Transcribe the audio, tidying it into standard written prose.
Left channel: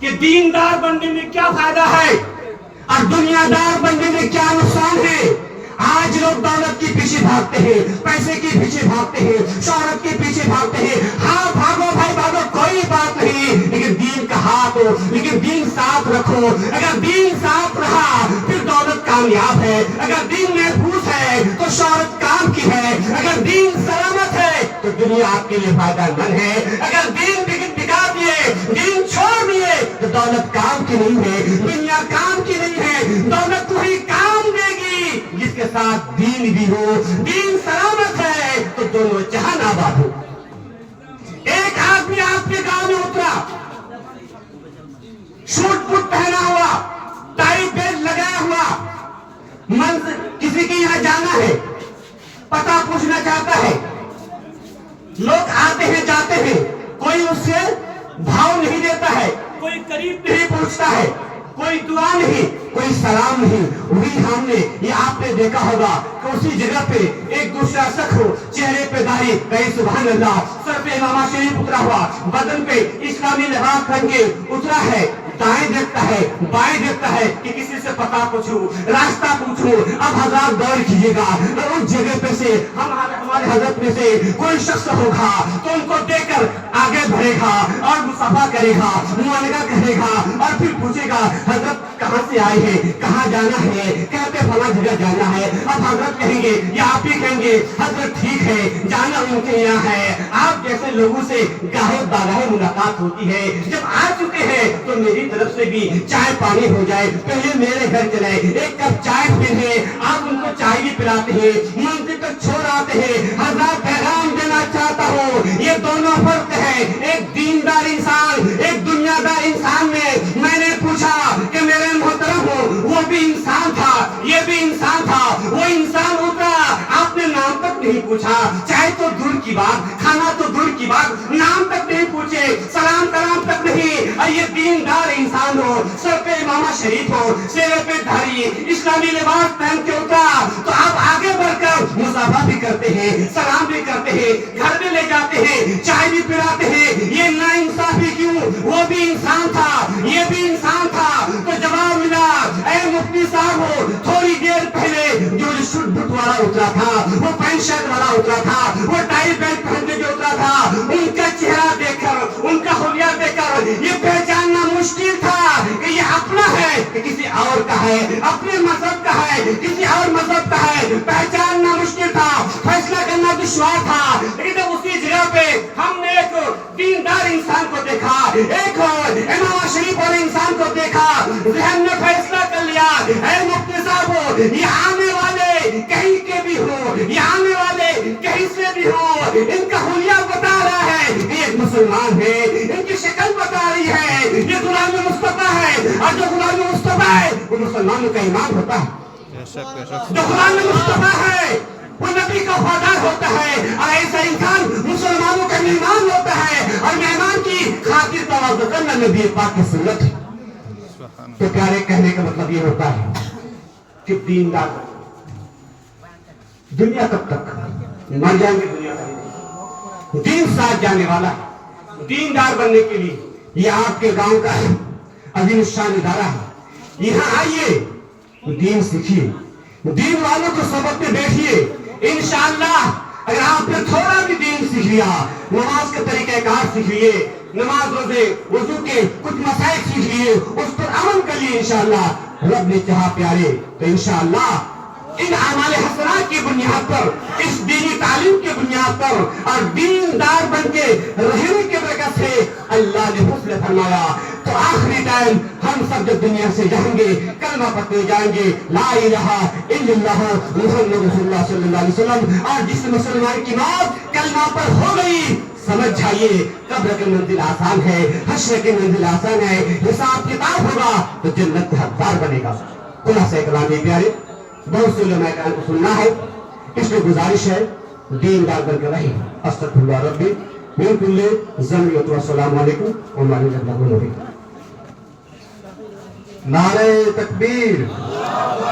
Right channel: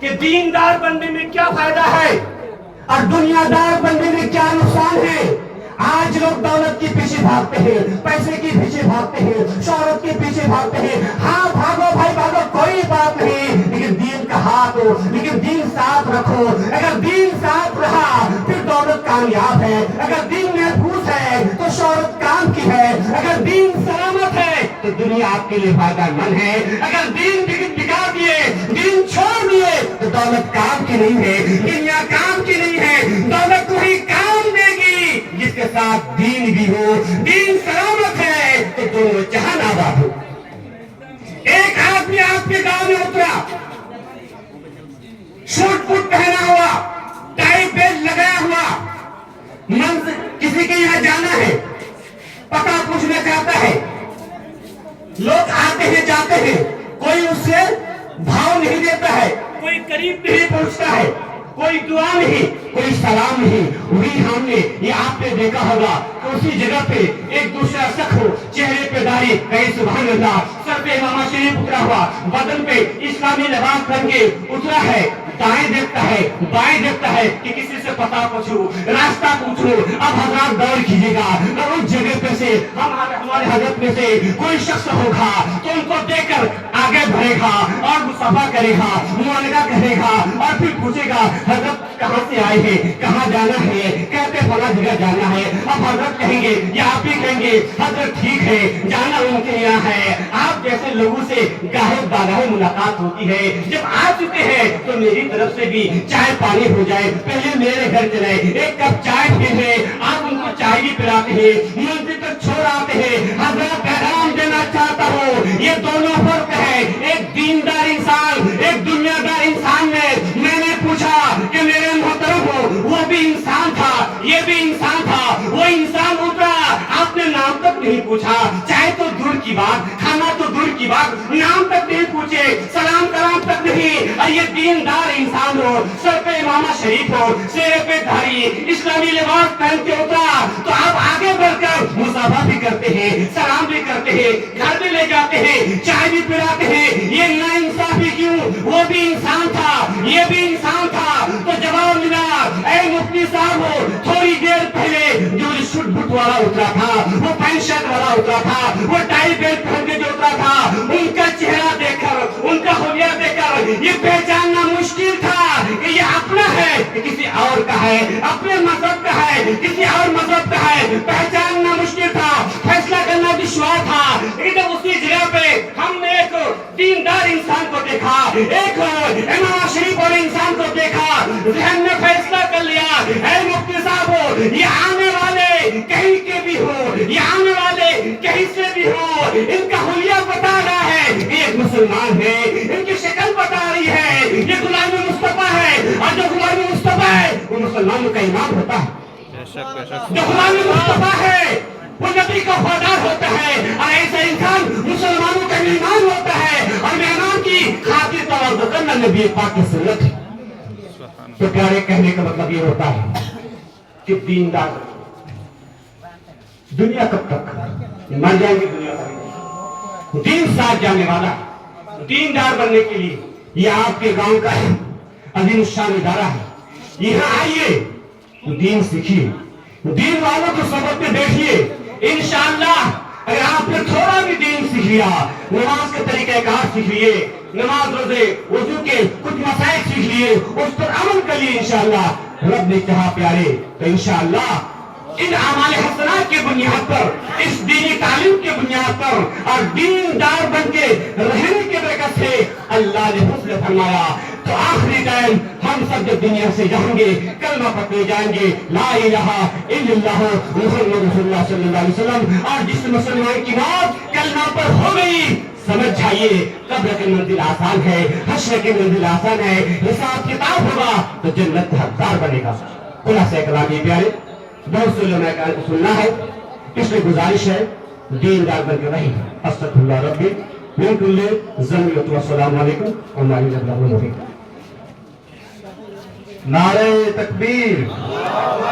کہ دیندار بننے میں کیا فائدہ ہے اور دنیا دار بننے میں کیا نقصان ہے۔ آج لوگ دولت کے پیچھے بھاگتے ہیں، پیسے کے پیچھے بھاگتے ہیں، شہرت کے پیچھے بھاگتے ہیں۔ ہاں بھاگو بھائی بھاگو، کوئی بات نہیں، لیکن دین کا ہاتھ ہو، لیکن دین صاف رکھو۔ اگر دین صاف رہا پھر دولت کامیاب ہے، اگر دین محفوظ ہے تو شہرت کام کی ہے، اگر دین سلامت ہے تو دنیا آپ کے لیے فائدہ مند ہے۔ اگر دین بگا دیے، دین چھوڑ دیے تو دولت کام کی نہیں ہے، دنیا کام کی نہیں ہے۔ دولت کو ہی کام دے گی جس کے ساتھ دین بھی ہو، دین سلامت ہے تو دونوں جہان آباد ہو۔ ایک آدمی آپ کے گاؤں میں اترا، سوٹ بوٹ پہنا ہوا، ٹائی بیلٹ لگایا ہوا، کسی کے یہاں جانا ہے، پتہ پوچھنا چاہتا ہے، لوگ آتے ہیں جاتے ہیں، کوئی اس سے بھاؤ نہیں دیتا ہے، کوئی قریب نہیں پہنچتا ہے، کوئی دعا نہیں، کوئی سلام نہیں۔ وہی ہم نے یہ آپ نے دیکھا ہوگا کہ اسی جگہ پہ ایک دوسرا شخص ہو، چہرے پہ داڑھی، کہیں سبحان اللہ، سر پہ امامہ شریف اترا ہوا، بدن پہ اسلامی لباس پہن کے اترا ہے، دائیں دیکھتا ہے، بائیں دیکھتا ہے کہ کسی سے پتہ پوچھو، راستہ پوچھو۔ اب حضرات غور کیجیے گا، اور اس جگہ پہ سے ہمارے حضرت میں سے کوئی شخص ہوگا تو ان کو دیکھ کر آگے بڑھے گا اور مصافحہ کرے گا، معانقہ کرے گا اور پھر پوچھے گا حضرت کہاں سے آئے ہیں، کہاں جانا ہے، کہتے فلاں جگہ جانا ہے۔ اب حضرت کہیں گے یا آپ ہی کہیں گے حضرت ٹھیک ہے، جانا ان کے یہاں ہے۔ آپ جیسے لوگوں سے گاہے باگاہے ملاقات ہوتی ہے، جب آ چکے ہیں تو میری طرف سے بھی چائے پانی ہو جائے، پہلے میرے گھر چلے، ایک کپ چائے پیے، آپ ان کو چائے بھی پلاتے ہیں، منزل تک چھوڑ آتے ہیں۔ حضرات پیغام دینا چاہتا ہوں، یہ دونوں فرق ہے، ایک دیندار انسان، ایک دنیا دار انسان میں نے پوچھا کہ میرے محترم ہو، وہ بھی انسان تھا، یہ بھی انسان تھا، وہ انسان اترا، آپ نے نام تک نہیں پوچھا، چائے تو دور کی بات، کھانا تو دور کی بات، نام تک نہیں پوچھے، سلام کلام تک نہیں۔ اور یہ دیندار انسان ہو، سر پہ امامہ شریف ہو، سر پہ دھاری، اسلامی لباس پہن کے اترا تو آپ آگے بڑھ کر مصافحہ بھی کرتے ہیں، سلام بھی کرتے ہیں، گھر بھی لے جاتے ہیں، چائے بھی پلاتے ہیں۔ یہ ناانصافی کیوں؟ وہ بھی انسان تھا، یہ بھی انسان تھا۔ تو جواب ملا، اے مفتی صاحب ہو، تھوڑی دیر پہلے جو سوٹ بوٹ والا اترا تھا، وہ پینٹ شرٹ والا اترا تھا، وہ ٹائی بیلٹ پہن کے جو اترا تھا، ان کا چہرہ دیکھ کر، ان کا حلیہ دیکھ کر یہ پہچاننا مشکل تھا کہ یہ اپنا ہے کہ کسی اور کا ہے، اپنے مذہب کا ہے کسی اور مذہب کا ہے، پہچاننا مشکل تھا، فیصلہ کرنا دشوار تھا۔ لیکن جب اسی جگہ پہ ہم نے ایک دیندار انسان کو دیکھا، ایک امام شریف والے انسان کو دیکھا، ذہن میں فیصلہ کر لیا، اے مفتی صاحب ہو، یہ آنے والے کہیں کے بھی ہو، یہ آنے والے کہیں سے بھی ہو، ان کا حلیہ بتا رہا ہے کہ ایک مسلمان ہے، ان کی شکل بتا رہی ہے یہ غلام مصطفیٰ ہے، اور جو غلام مصطفیٰ ہے وہ مسلمانوں کا امام ہوتا ہے۔ جو غلام مصطفیٰ ہے وہ نبی کا وفادار ہوتا ہے، اور ایسا انسان مسلمانوں کا امام ہوتا ہے، اور مہمان کی خاطر تواضع کرنا نبی پاک کی سنت ہے۔ تو پیارے کہنے کا مطلب یہ ہوتا ہے کہ دیندار دنیا کب تک مر جائیں گے، دنیا تک دین ساتھ جانے والا ہے۔ دیندار بننے کے لیے یہ آپ کے گاؤں کا عظیم الشان ادارہ ہے، یہاں آئیے، دین سیکھیے، دین والوں کو سبق میں بیٹھیے۔ انشاءاللہ اگر آپ نے تھوڑا بھی دین سیکھ لیا، نماز کے طریقہ کار سیکھ لیے، نماز روزے وضو کے کچھ مسائل سیکھ لیے، اس پر عمل کر لیے، انشاءاللہ رب نے کہا پیارے تو انشاءاللہ ان اعمال حسنات کی بنیاد پر، اس دینی تعلیم کی بنیاد پر اور دیندار بن کے رہنے کے برکت سے اللہ نے حسن فرمایا تو آخری ٹائم ہم سب جب دنیا سے جائیں گے کلمہ پڑھتے جائیں گے لا الہ الا اللہ محمد رسول اللہ صلی اللہ علیہ وسلم، اور جس مسلمان کی موت کلمہ پر ہو گئی سمجھ جائیے قبر کی منزل آسان ہے، حشر کی منزل آسان ہے، حساب کتاب ہوگا تو جنت کا حقدار بنے گا۔ خلاصہ کلام یہ پیارے، بہت سے علماء کرام کو سننا ہے، اس میں گزارش ہے دیندار بن کے رہی۔ استغفر اللہ ربی من کل ذنب و السلام علیکم ورحمۃ اللہ وبرکاتہ۔ نعرہ تکبیر۔